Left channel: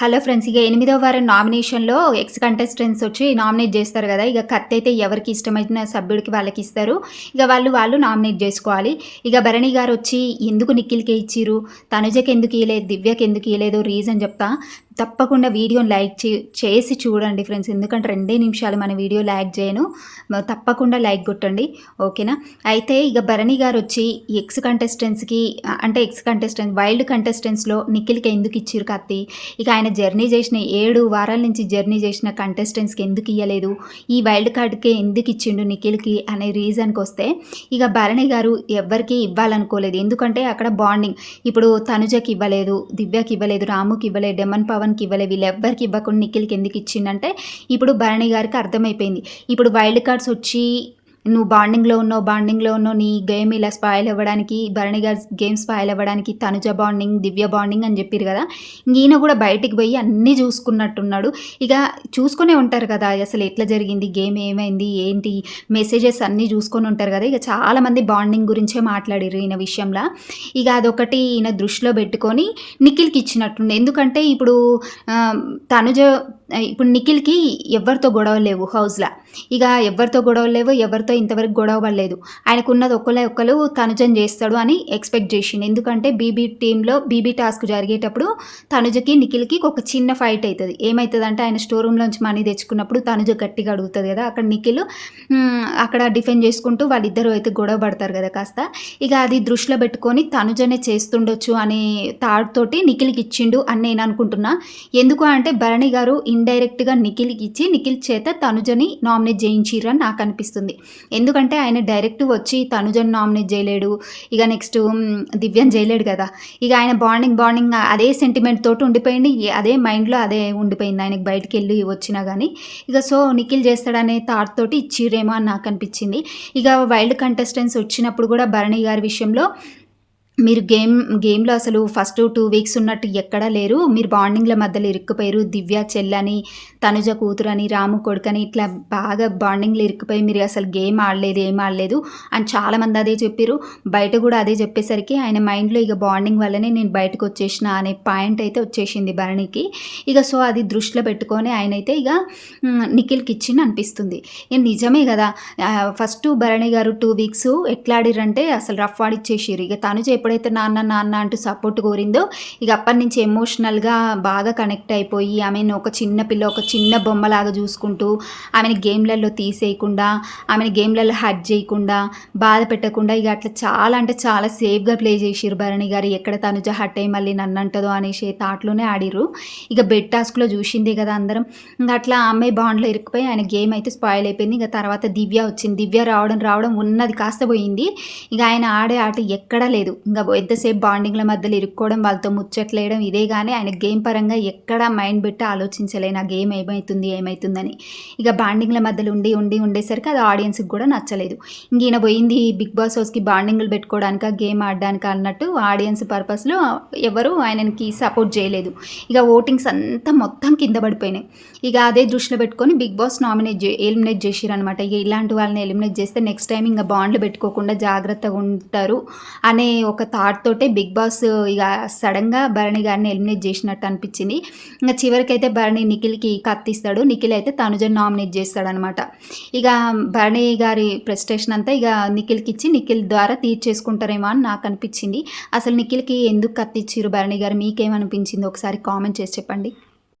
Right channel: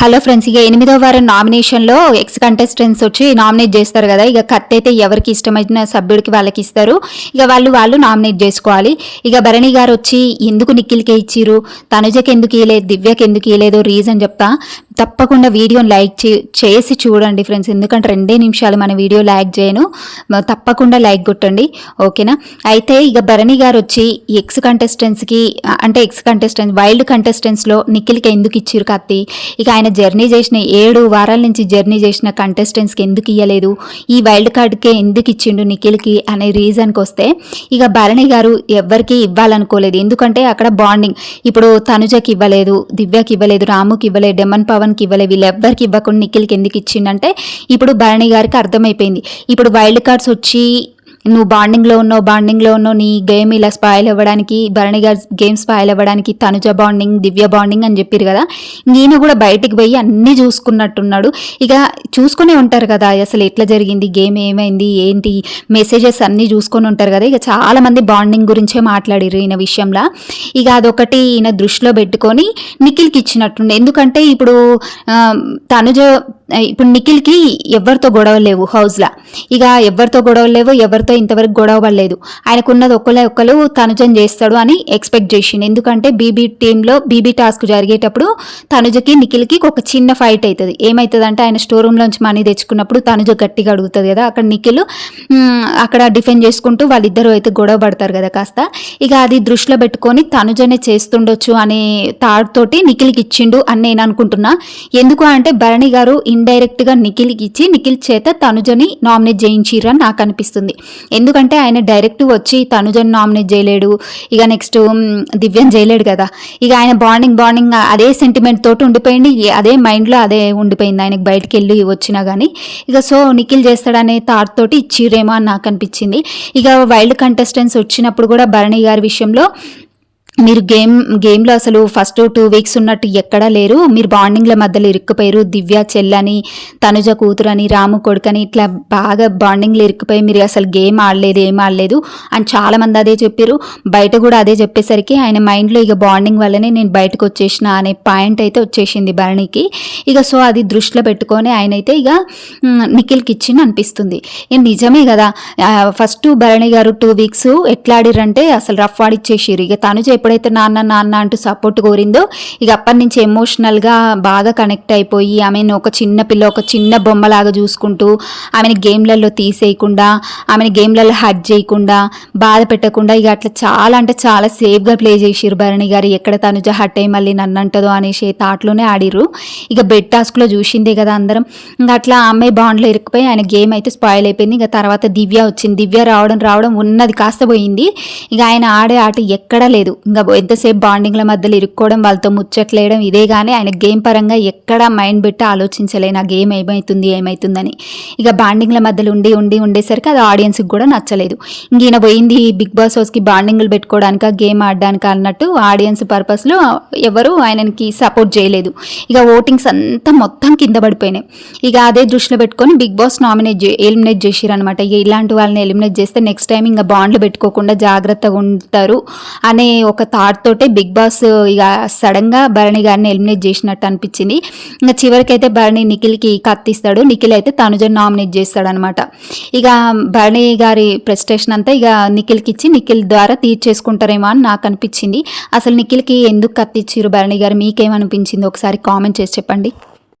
Hello friends, ఇక 8వ వారం నామినేషన్లో ఎక్స్ కంటెస్టెంట్స్ వచ్చి నామినేట్ చేస్తారు కదా. ఇక కత్తి అయితే ఎవరికి ఇష్టమైన సభ్యుడికి వాళ్ళకి ఇస్తారు. ఇక వాళ్ళు నామినేట్ చేసుకోవాలి. ఇక భరణి గారు వచ్చి ఎందుకు నిఖిల్కే ఇచ్చిరు, తనుజకి ఎందుకు ఇవ్వలేదు, దివ్యకి ఎందుకు ఇవ్వలేదు రీజన్ చెప్తా. తప్పకుండా వీడియోని లైక్ చేసి చూడండి ఫ్రెండ్స్, ఎందుకంటే 2 నిమిషాలు మన వీడియో లైక్ చేయను, తప్పకుండా లైక్ కొట్టండి, ఓకేనా. అయితే ఇక భరణి గారు వచ్చి ఎక్స్ కంటెస్టెంట్స్ వైల్డ్ కంటెస్టెంట్స్లో నిఖిల్కి ఎందుకు ఇచ్చిరు కత్తి, ఇక ఆయన జర్నీ చేసిన 7 వారాల నుంచి జర్నీ చేసిన కంటెస్టెంట్స్కి ఎందుకు ఇవ్వలేదు, ఈ వైల్డ్ కార్డ్కే ఎందుకు ఇచ్చిండు నిఖిల్కి అనే రీజన్కి వస్తే, ఇక భరణి గారు ఎవరికి ఇవ్వాలనుకోలేదు. ఎందుకంటే అక్కడ బాండింగ్, ఇప్పుడు తనుజకి ఇవ్వలేదు, దివ్యకి ఇవ్వలేదు, రాముకి ఇవ్వలేదు, డెమన్ పవన్కి ఇవ్వలేదు, వీళ్ళెవ్వరికి ఇవ్వకుండా నిఖిల్కి ఎందుకు ఇచ్చిండంటే ఇప్పుడు భరణి గారికి అర్థమైపోయింది. ఇప్పుడు వైల్డ్ కార్డ్స్ వచ్చి నువ్వు బాండింగ్లో ఉన్నావు, నీ గేమ్ ఇలా స్పాయిల్ అవ్వడానికి, భరణి గారి గేమ్ స్పాయిల్ అవ్వడానికి తనుజ బాండింగ్, దివ్య బాండింగ్ అని చెప్పారు కదా. ఈయన కూడా బయటికి పోయి అన్నీ చూసుకున్నట్టున్నాడు. ఇక చూసుకునే ఉంటారు కదా అసలు ఎట్లా జరిగింది, గేమ్ ఏమైంది ఏంటి, మెసేజెస్ అన్నీ చూసుకొని ఉంటారు కదా. ఇక చాలామంది బాండింగ్ గురించే మాట్లాడారు ఈయన విషయంలో. ఇక అదొకటి ఈయన దృష్టిలో పెట్టుకొని నిఖిల్కి ఇచ్చినట్టుండే. ఎందుకంటే ఇప్పుడు తనుజ ఇప్పుడు నిఖిల్కి ఎవరితో గొడవలు లేవు హౌస్లో, ఇక ఎవరితో గొడవలు లేవు, ఎవరితో ఇంతవరకు గొడవ పడలేదు. ఆయనకున్నది ఒక్కరు తనుజని చేస్తాడు అని ఎక్స్పెక్ట్ చేసిండు. ఎందుకంటే బీబీ టాస్క్ జరిగేటప్పుడు తనుజకి నిఖిల్కి ఒక చిన్న ఫైట్ అవుతుంది. ఏమవుతుంది అంటే ఆయన స్టోర్ రూమ్లోంచి మనీ తెచ్చుకున్నప్పుడు తనుజ గట్టిగా అడుగుతుంది కదా, అక్కడ నిఖిల్ అక్కడ డిఫెండ్ చేసుకుంటూ వాళ్ళిద్దరూ అయితే గొడవ పడతారు కదా కాస్త. ఇక అది దృష్టిలో పెట్టుకొని తనుజనే చేస్తుండొచ్చు అనే థాట్ తోటి నిఖిల్కి ఇచ్చిండు అని నేను అనుకుంటున్నా. ఎందుకు అంటే భరణి గారు ఇండైరెక్ట్గా నిఖిల్కి ఇచ్చి నిఖిల్ చేత తనుజని నామినేట్ చేయించిరని నాకు అనిపిస్తుంది. ఎందుకంటే ఆయన డైరెక్ట్ వచ్చి తనుజని నామినేట్ చేయలేడు, ఇక నెక్స్ట్ దివ్యని చేయలేడు కదా. ఇక ఆయన బాండింగ్ అదే సెంటిమెంట్ తోటి ఉండిపోయింది, అదే మైండ్లో అదే ఉండిపోయింది ఆయనకి బయటికి వెళ్ళి వచ్చినా కానీ. ఇక సో నిఖిల్ చేస్తాడనే థాట్ తోటి ఇచ్చిరేమో అని నాకు అనిపించింది. ఇక వైల్డ్ కంటెస్టెంట్స్ వచ్చినప్పుడు కూడా భరణి గారి విషయంలో మీరు గేమ్లో అసలు ఫస్ట్ 2 వీక్స్ ఉన్నట్టు ఎక్కడా లేరు, మీరు బాండింగ్ల మధ్యలో ఇరుక్కుపోయారు, దివ్య చెల్లని, తనుజ కూతురని, రాము కొడుకని ఇట్లా బాగా బాండింగ్లో ఇరుక్కుపోయి మీరు అసలు గేమ్ ఆడలేదు, ఏం ఆడలేదు అని చాలామంది అదే చెప్పారు. బయట కూడా అదే చెప్పేసరికి ఆయన మైండ్లో ఇక బాండింగ్ వల్లనే నేను బయటకు వచ్చేసిన అనే పాయింట్ అయితే వచ్చేసింది భరణికి. ఇక సో అది దృష్టిలో పెట్టుకొని ఆయన అయితే ఇక నిఖిల్కి ఇచ్చింది అనిపిస్తుంది. నిజమే కదా, ఫస్ట్ భరణి గారు 2 వీక్స్ ఎట్లా ఆడిరంటే అసలు రఫ్ ఆడిచ్చేసారు. ఇక తనుజ ఎప్పుడైతే నాన్న అంటూ సపోర్ట్ కోరిందో ఇక అప్పటి నుంచి ఎమోషనల్గా బాగా కనెక్ట్ అయిపోయి ఆమెను ఒక చిన్న పిల్ల, ఒక చిన్న బొమ్మలాగా చూసుకుంటూ ఆమెని గేమ్లలో తీసేయకుండా, ఆమెని గేమ్లలో హర్ట్ చేయకుండా, బాధ పెట్టకుండా ఇక అట్లా చాలా అంటే చాలా సేఫ్గా ప్లే చేసిరు భరణి గారు. ఎక్కడ తనుజ హర్ట్ అయ్యి మళ్ళీ నన్ను అంటదో అనేసి థాట్లోనే ఆడిరు. ఇక బెడ్ టాస్క్లో చూసిందే కదా అందరం. ఇంకా అట్లా అమ్మాయి బాండ్లో ఇరుక్కుపోయి ఆయన గేమ్ అయితే స్పాయిల్ అయిపోయింది. ఇక తర్వాత దివ్య వచ్చింది, దివ్య రావడం ఉన్నది కాస్త పోయింది. ఇక ఆయన ఆడే ఆట ఎక్కడా లేదు. ఇంకా ఎంతసేపు బాండింగ్ల మధ్యలో ఇరుక్కోవడం, వాళ్ళతో ముచ్చట్లేయడం, ఇదే కానీ ఆయన గేమ్ పరంగా ఎక్కడా మైండ్ పెట్టి ఆలోచించలే నా గేమ్ ఏమవుతుందని. ఇక బాండింగ్ల మధ్యలో ఉండేసరికి అది ఆడియన్స్కి కూడా నచ్చలేదు. ఇంక ఈయన పోయింది బిగ్ బాస్ హౌస్కి బాండింగ్లు పెట్టుకోవడానికి, గేమ్ ఆడడానికి అన్నట్టు ఆడియన్స్ పర్పస్లో ఎవరు ఆయనకి సపోర్ట్ చేయలేదు. ఇక ఓటింగ్స్ అంతా మొత్తం కింద పడిపోయినాయి. ఇక అదే దృష్టిలో పెట్టుకొని బిగ్ బాస్ ఎలిమినేట్ చేసిరు అనమాట. ఇక ఇలాంటి వాళ్ళని ఎలిమినేట్ చేస్తే నెక్స్ట్ టైం ఇంకా బాండ్లు పెట్టుకోకుండా జాగ్రత్తగా ఉంటారు అనే ఒక థాట్ తోటే బిగ్ బాస్ ఇక సడన్గా భరణి గారిని ఎలిమినేట్ చేసినట్టు అనిపించింది. ఇంకా చివరికైతే భరణి నిఖిల్కి కత్తిస్తాడు, నిఖిల్ అయితే తనుజని నామినేట్ చేస్తాడు అనమాట. ఇక భరణి గారి ప్రెస్టేషన్ అంతా ఇక నిఖిల్కి ఇచ్చి నిఖిల్ ద్వారా తీర్చేసుకుంటారేమో అని నాకు అనిపించింది. అసలు నిఖిల్కి ఎందుకు కత్తిచ్చిరు భరణి గారు, మీకేమనిపించింది ఒకసారి కామెంట్ చేసి చెప్పండి.